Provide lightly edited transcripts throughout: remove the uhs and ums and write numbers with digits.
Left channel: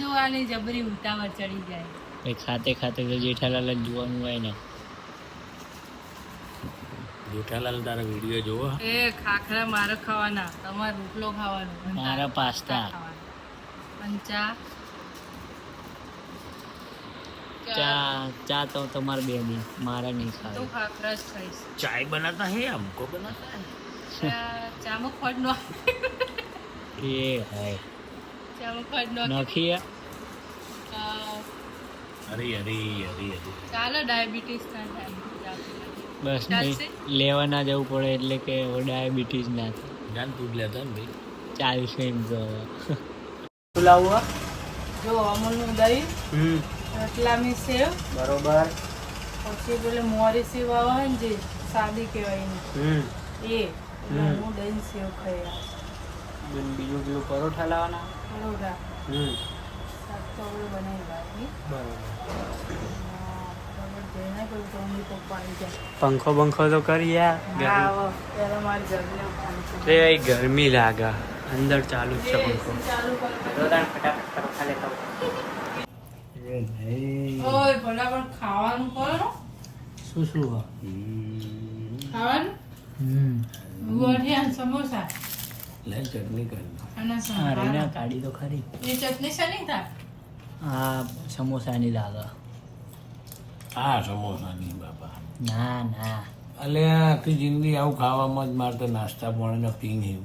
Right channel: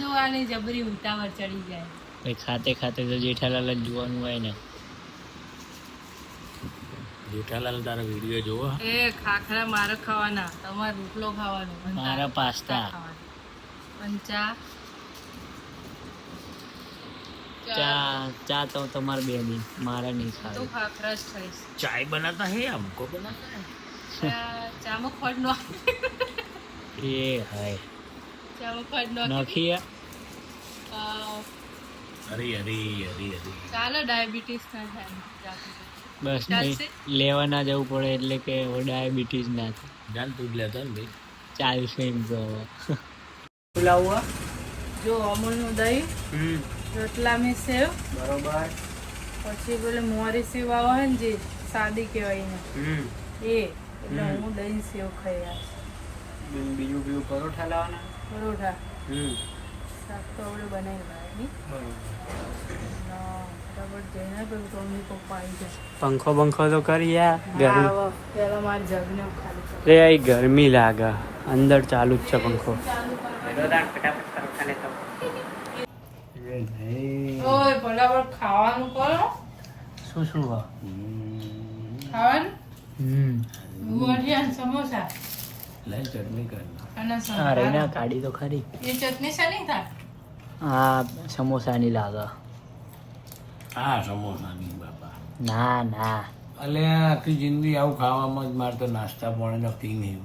જોવાની જબરી ઉતાવળ ચડી જાય. ભાઈ ખાતે ખાતે તો જેઠાલાલ જ જોવાનું હોય ને. જેઠાલાલ તારા વિડીયો જોવો. એ ખાખરા મારે ખાવાના, તમારે રોટલો ખાવાનો, મારા પાસ્તા અને ચા ચા તો તમારે બે ની, મારા નહીં તો ખાવી. ખાખરા જ ખાઈશ. ચાય બનાતા હે हमको बनाता है. ચામાં ખોટ નો એ હાય ચામાં ખોટ નો નખીએ. અરે અરે અરે અરે ચાલો ડાયાબિટીસ ના થાય. બસ ચાલશે? નહીં લેવા ના જવું પડે એટલે કે ડાયાબિટીસ ના થાય. જાન તું જ લેતા ને ભાઈ. ચાલશે એમ તો હવે. શું લાવવું? જો અમૂલનું દહીં, રતલામી સેવ, બરોબર. પછી પેલે મોરી સેવ આવે ને જે સાદી કહેવાય એને એ, એટલે હું દહીં સેવ ખાઈ આવીશ. બીજું પેલું પરોઠા લાવવાના. પરોઠા શાક તો આપણે બનાવી લાવે બરાબર જઈને પેલું તો મમ્મી પપ્પા આવી જાય. પંખો બંખો તો કરી યાર. ત્યારે મારી જબરી ગરમી ગરમી લાગે અંદર ચાલુ જ છે પંખો. ફટાફટ પરોઠા લેતા ઓય ફટાફટ ખાવાનું કરો. શું શું ખાવાનું ગોઠિયા સમોસા લે ચટણી કર. અને અરે સંભારા. ના કાઢી તો ખરી. એ ચટણી શાની થાય? હા સમોસાની લાગે. હા સમોસાની બાપા. ના ના અલે આખી જિંદગી આવું ખાવામાં જ મારે તો નાસ્તા પાણી પી નહીં.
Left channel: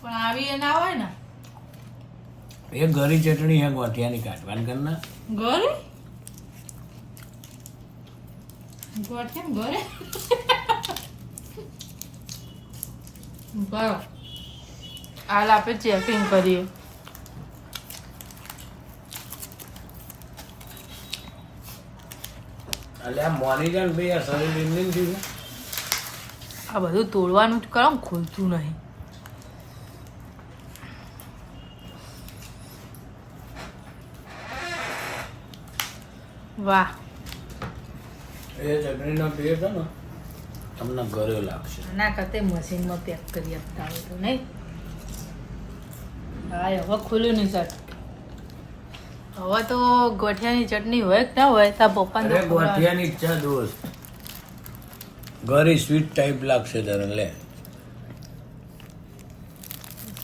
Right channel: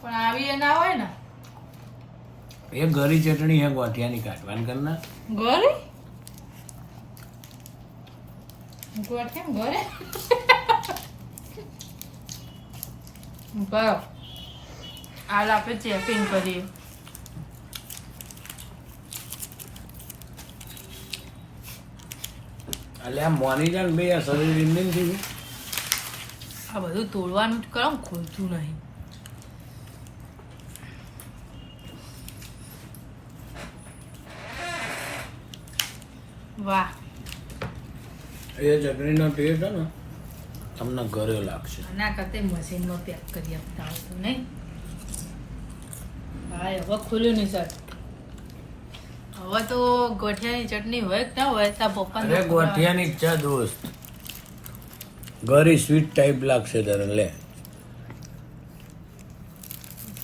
પણ આવી એ ના હોય ને એ ગરી ચટણી હે ગોઠિયાની કાઢવાની કરના. ગોળી ગોઠિયા ગોળે બરો હાલ આપણે ચેકિંગ કરીએ. અલે આ મોની જાય ને ભાઈ આ શરીર ઇન્ડિયન થઈ ગયું. આ બધું તોડવાનું જ કરો ખોલતું નહીં. વાહ એ ચટણીનો ટેસ્ટ હે ને તમને ઘરે લાગશે. ના કરતે મશીનમાં પેક કરી આપતા હોય તો નહીં. હા હવે ખુલ્લું નહીં સર. હવે તો ગોઠિયાની ચટણી હોય કે ના હોય તો પપ્પા અરે ગોઠિયાની ઈચ્છા દોસ્ત ગરી સ્વીટ ટાઈપ લાગશે તને. લે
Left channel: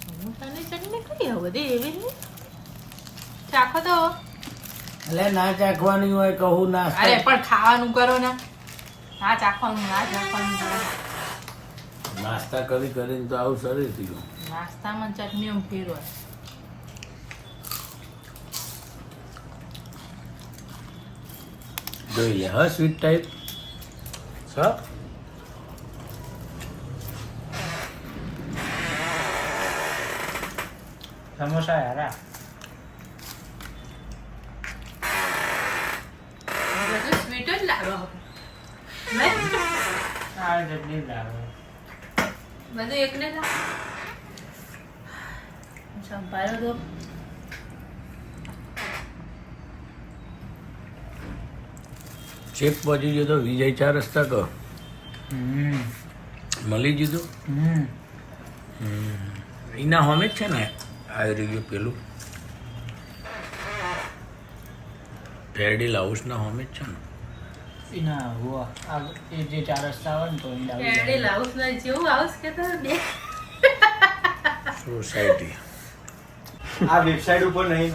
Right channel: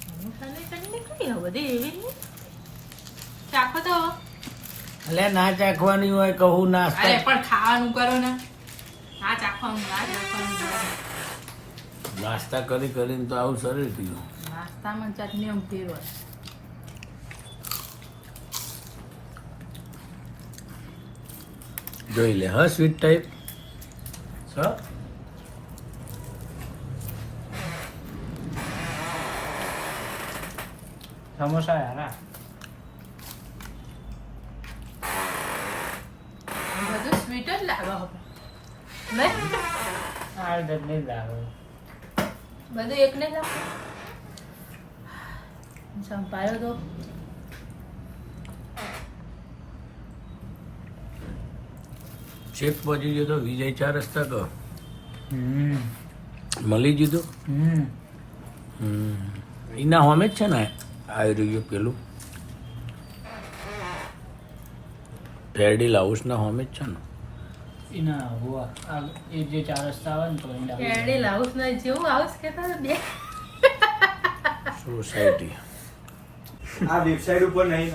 સમોસાની ચટણી કઈ હવે બધી એવી નહીં. ચાખો તો લે ના ચાખવાની હોય કહું ના. અરે પણ ખાવાનું કરો ને. ના ચાખવાનું ના ચાખવાનું. નાસ્તા કરી કરીને તો આવું શરીર થઈ ગયું. નાસ્તામાં ચટણી એમ ફેરવો. જોઈ લે હા સ્વીટ ટાઈપ. હા સમોસા યાર. બધું સ્વીટ જ લાગે નહીં. આ ચટણી લાગે. બધું એકને લાગે. સંભાળ્યો તો ચેક પહોંચી ગયો તો વિજય 4 રસ્તા કહો મળી ગયું. એના હોમે જ છે ને આવી રહ્યું પેલું રેડી હાઉસ ના હોમે જ છે ને. એના હુઆ આ એ જે 4 રસ્તા આવે ને તો એના કેરડી હાઉસ ના જેવું હાઉસ કેતો તો બે સોસાયટી આ વેબસાઇટ ઉપર નહીં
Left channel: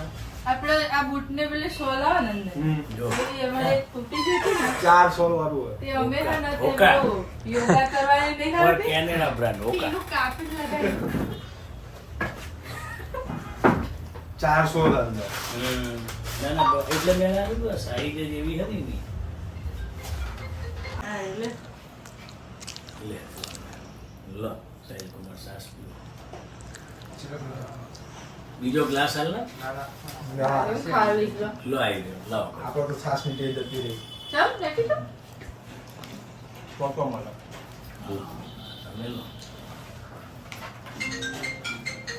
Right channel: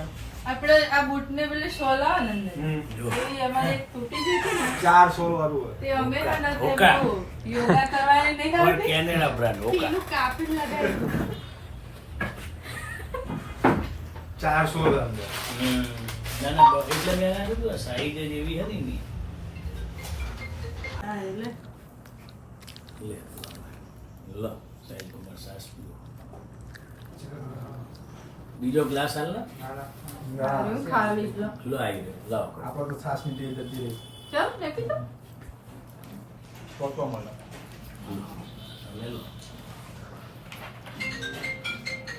આપણે આ બૂટ ને પેલે સોલ આવે ને અંદર જો એ અમારે તૂટી જતું ને 400 વાળું હોય તે અમે છે ને તે ઓકા. બહુ યોગા કરવાની નહીં પર આવતી. Canada brand Oka. પેલું કાપી લગાવ્યું. 400 વાળું ના ના એટલે મેં સાઈડ જ એવી હતી ને. હા, એટલે લે લો સાઈડ કુમાર સાસ પીવો. બીજો ગ્લાસ હાલ ને ખાલી ગયો. લો આવી ગયો લાવો આપણે તો 6 મિનિટ જતી રહી ચમ, લેતી તો. પ્રોપર મળે તમે લો